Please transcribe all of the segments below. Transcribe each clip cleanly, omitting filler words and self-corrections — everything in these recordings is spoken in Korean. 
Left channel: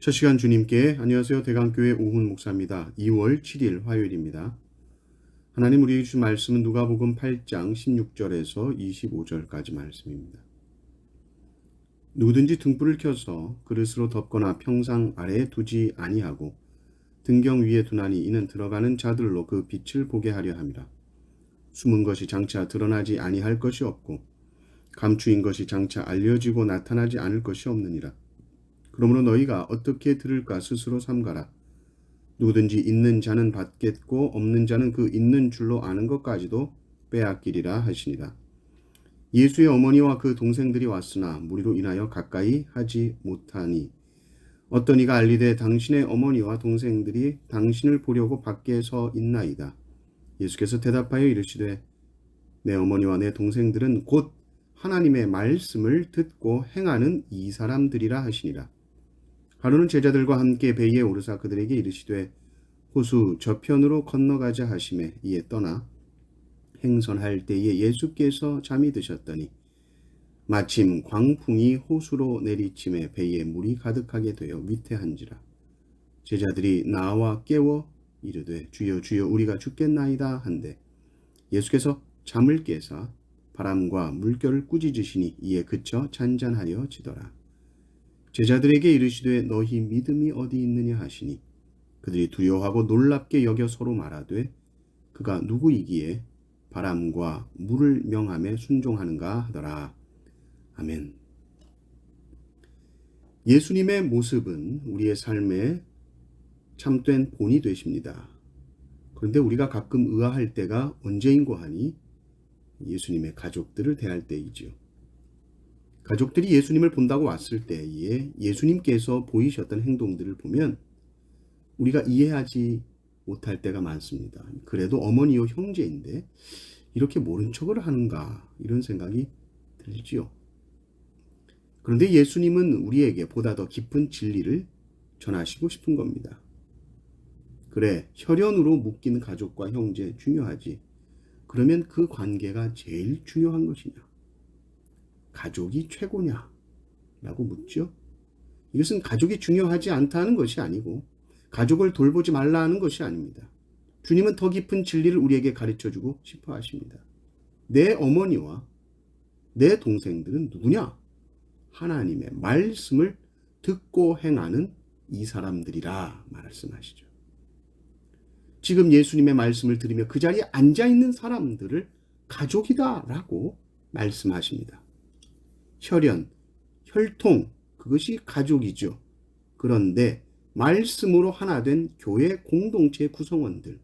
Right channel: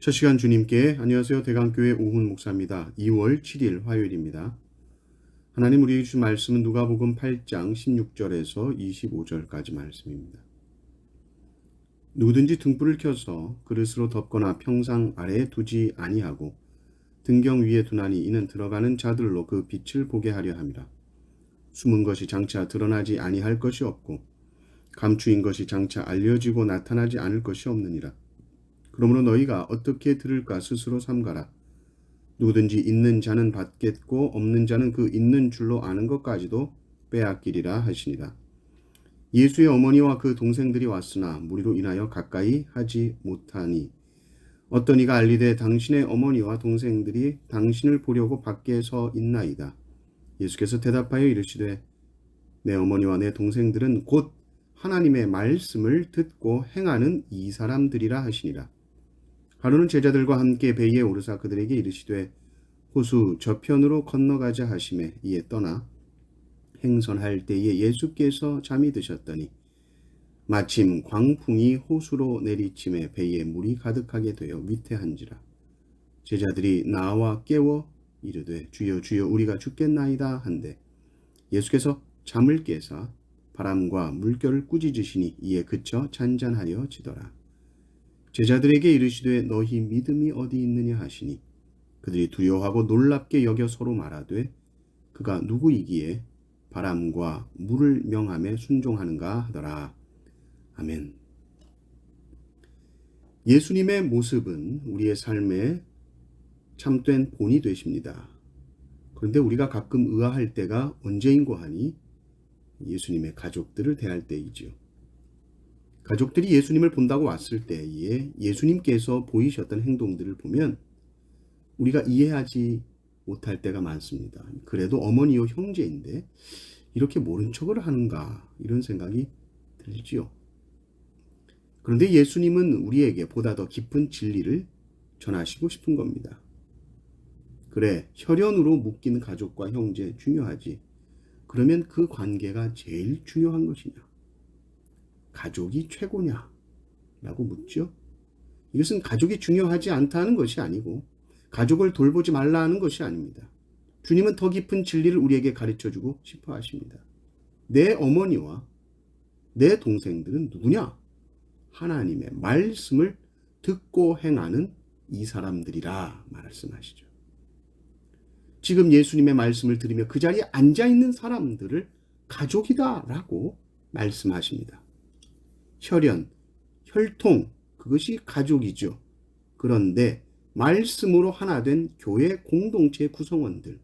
첫 시간 주님께 안녕하세요. 대강교회 오훈 목사입니다. 2월 7일 화요일입니다. 하나님 우리에게 주신 말씀은 누가복음 8장 16절에서 25절까지 말씀입니다. 누구든지 등불을 켜서 그릇으로 덮거나 평상 아래에 두지 아니하고 등경 위에 두나니 이는 들어가는 자들로 그 빛을 보게 하려 함이라. 숨은 것이 장차 드러나지 아니할 것이 없고 감추인 것이 장차 알려지고 나타나지 않을 것이 없느니라. 그러므로 너희가 어떻게 들을까 스스로 삼가라. 누구든지 있는 자는 받겠고 없는 자는 그 있는 줄로 아는 것까지도 빼앗기리라 하시니라. 예수의 어머니와 그 동생들이 왔으나 무리로 인하여 가까이 하지 못하니 어떤 이가 알리되 당신의 어머니와 동생들이 당신을 보려고 밖에 서 있나이다. 예수께서 대답하여 이르시되 내 어머니와 내 동생들은 곧 하나님의 말씀을 듣고 행하는 이 사람들이라 하시니라. 하루는 제자들과 함께 배에 오르사 그들에게 이르시되 호수 저편으로 건너가자 하시매 이에 떠나 행선할 때에 예수께서 잠이 드셨더니 마침 광풍이 호수로 내리침에 배에 물이 가득하게 되어 위태한지라. 제자들이 나와 깨워 이르되 주여 주여 우리가 죽겠나이다 한데 예수께서 잠을 깨사 바람과 물결을 꾸짖으시니 이에 그쳐 잔잔하여 지더라. 제자들에게 이르시되 너희 믿음이 어디 있느냐 하시니 그들이 두려워하고 놀랍게 여겨 서로 말하되 그가 누구이기에 바람과 물을 명함에 순종하는가 하더라. 아멘. 예수님의 모습은 우리의 삶의 참된 본이 되십니다. 그런데 우리가 가끔 의아할 때가 언제인고 하니 예수님의 가족들을 대할 때이지요. 가족들이 예수님을 본다고 왔을 때에 예수님께서 보이셨던 행동들을 보면 우리가 이해하지 못할 때가 많습니다. 그래도 어머니요 형제인데 이렇게 모른 척을 하는가 이런 생각이 들지요. 그런데 예수님은 우리에게 보다 더 깊은 진리를 전하시고 싶은 겁니다. 그래, 혈연으로 묶인 가족과 형제 중요하지. 그러면 그 관계가 제일 중요한 것이냐? 가족이 최고냐? 라고 묻죠. 이것은 가족이 중요하지 않다는 것이 아니고 가족을 돌보지 말라는 것이 아닙니다. 주님은 더 깊은 진리를 우리에게 가르쳐주고 싶어 하십니다. 내 어머니와 내 동생들은 누구냐? 하나님의 말씀을 듣고 행하는 이 사람들이라 말씀하시죠. 지금 예수님의 말씀을 들으며 그 자리에 앉아있는 사람들을 가족이다라고 말씀하십니다. 혈연, 혈통, 그것이 가족이죠. 그런데 말씀으로 하나 된 교회 공동체 구성원들,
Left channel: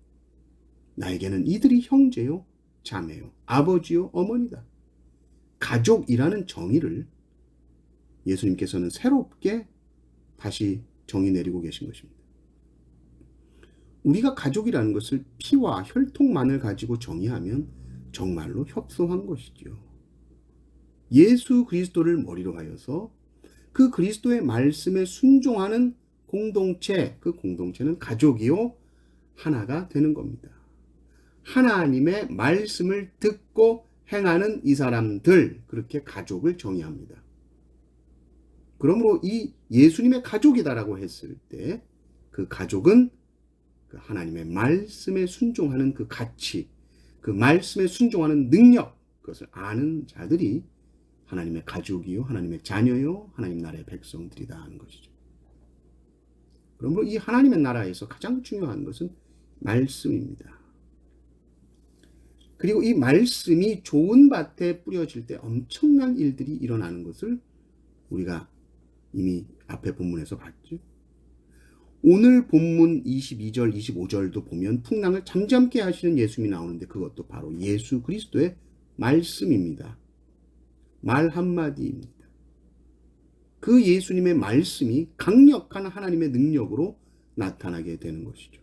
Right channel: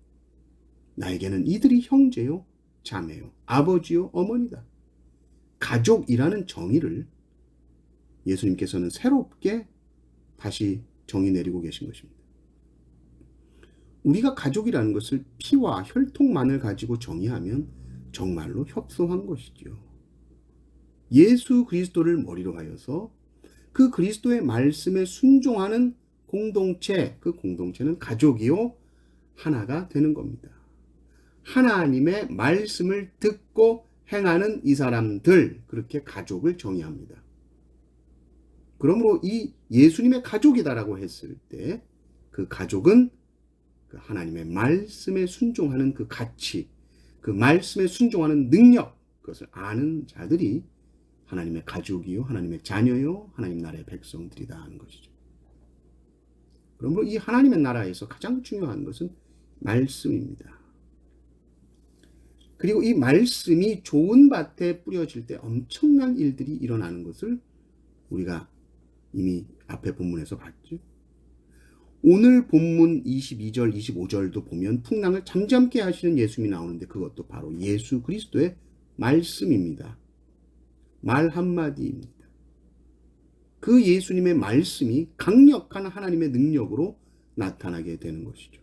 나에게는 이들이 형제요, 자매요, 아버지요, 어머니다. 가족이라는 정의를 예수님께서는 새롭게 다시 정의 내리고 계신 것입니다. 우리가 가족이라는 것을 피와 혈통만을 가지고 정의하면 정말로 협소한 것이죠. 예수 그리스도를 머리로 하여서 그 그리스도의 말씀에 순종하는 공동체, 그 공동체는 가족이요 하나가 되는 겁니다. 하나님의 말씀을 듣고 행하는 이 사람들, 그렇게 가족을 정의합니다. 그러므로 이 예수님의 가족이다라고 했을 때 그 가족은 그 하나님의 말씀에 순종하는 그 가치, 그 말씀에 순종하는 능력, 그것을 아는 자들이 하나님의 가족이요, 하나님의 자녀요, 하나님 나라의 백성들이다 하는 것이죠. 그러므로 이 하나님의 나라에서 가장 중요한 것은 말씀입니다. 그리고 이 말씀이 좋은 밭에 뿌려질 때 엄청난 일들이 일어나는 것을 우리가 이미 앞에 본문에서 봤죠. 오늘 본문 22절, 25절도 보면 풍랑을 잠잠케 하시는 예수님이 나오는데 그것도 바로 예수 그리스도의 말씀입니다. 말 한마디입니다. 그 예수님의 말씀이 강력한 하나님의 능력으로 나타나게 되는 것이죠.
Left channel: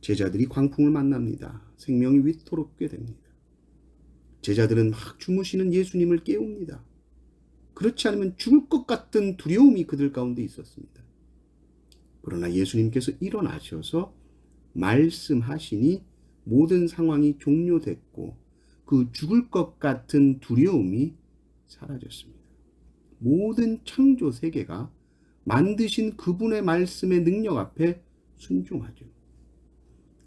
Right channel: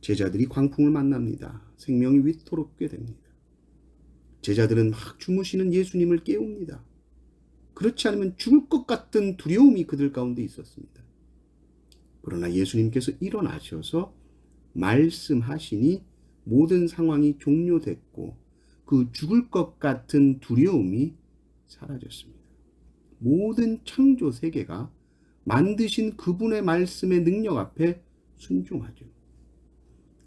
제자들이 광풍을 만납니다. 생명이 위태롭게 됩니다. 제자들은 막 주무시는 예수님을 깨웁니다. 그렇지 않으면 죽을 것 같은 두려움이 그들 가운데 있었습니다. 그러나 예수님께서 일어나셔서 말씀하시니 모든 상황이 종료됐고 그 죽을 것 같은 두려움이 사라졌습니다. 모든 창조 세계가 만드신 그분의 말씀의 능력 앞에 순종하죠.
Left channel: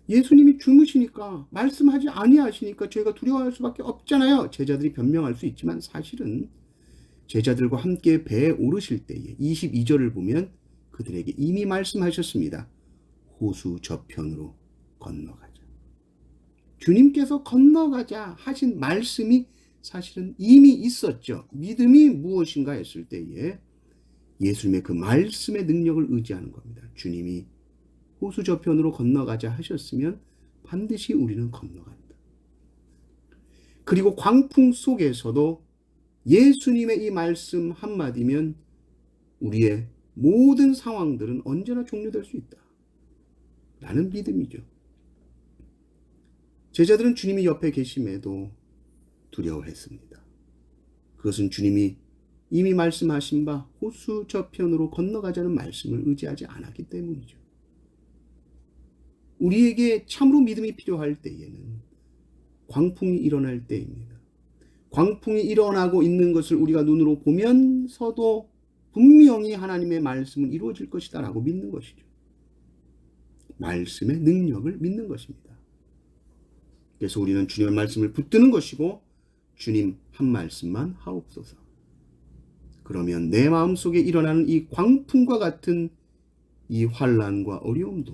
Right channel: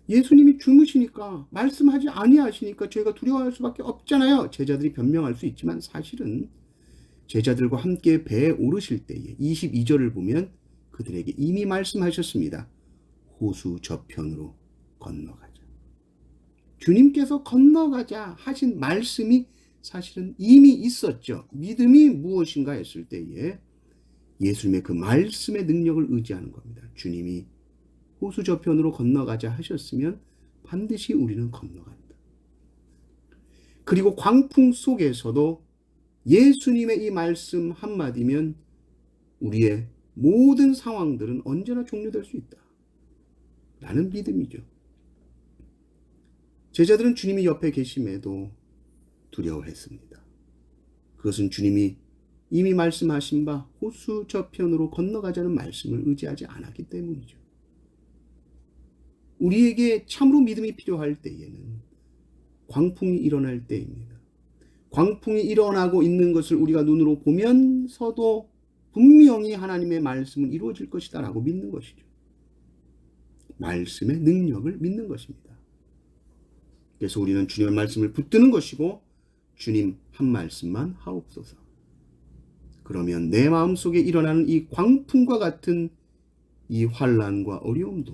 예수님이 주무시니까 말씀하지 아니하시니까 저희가 두려워할 수밖에 없잖아요. 제자들이 변명할 수 있지만 사실은 제자들과 함께 배에 오르실 때에 22절을 보면 그들에게 이미 말씀하셨습니다. 호수 저편으로 건너가자. 주님께서 건너가자 하신 말씀이 사실은 이미 있었죠. 믿음이 무엇인가 했을 때에 예수님의 그 말씀의 능력을 의지하는 겁니다. 주님이 호수 저편으로 건너가자 하셨으면 반드시 우리는 건너간다. 그리고 광풍 속에서도 예수님의 이 말씀 한마디면 우리의 모든 상황들은 언제나 종료될 수 있다. 라는 믿음이죠. 제자들은 주님이 옆에 계심에도 두려워했습니다. 그것은 주님이 이미 말씀하신 바 호수 저편으로 건너가자는 말씀을 의지하지 않았기 때문이죠. 우리에게 참으로 믿음이 필요할 때에는 광풍이 일어날 때입니다. 광풍이 일어나고 있는 것을 우리가 눈으로 보면서도 분명히 하나님의 말씀은 이루어질 것이다 라고 믿는 것이죠. 말씀의 능력을 믿는 것입니다. 그래서 우리는 주님의 말씀을 붙드는 것이고 주님 한 말씀만 하옵소서. 그러면 내 마음속에 일어나는 이 광풍과 같은 이 환난과 어려움도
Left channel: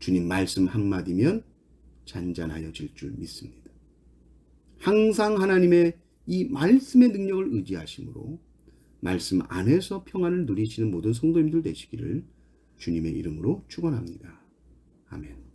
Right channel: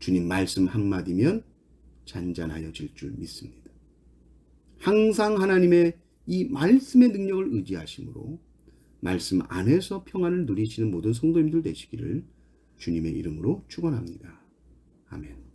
주님 말씀 한마디면 잔잔하여질 줄 믿습니다. 항상 하나님의 이 말씀의 능력을 의지하심으로 말씀 안에서 평안을 누리시는 모든 성도님들 되시기를 주님의 이름으로 축원합니다. 아멘.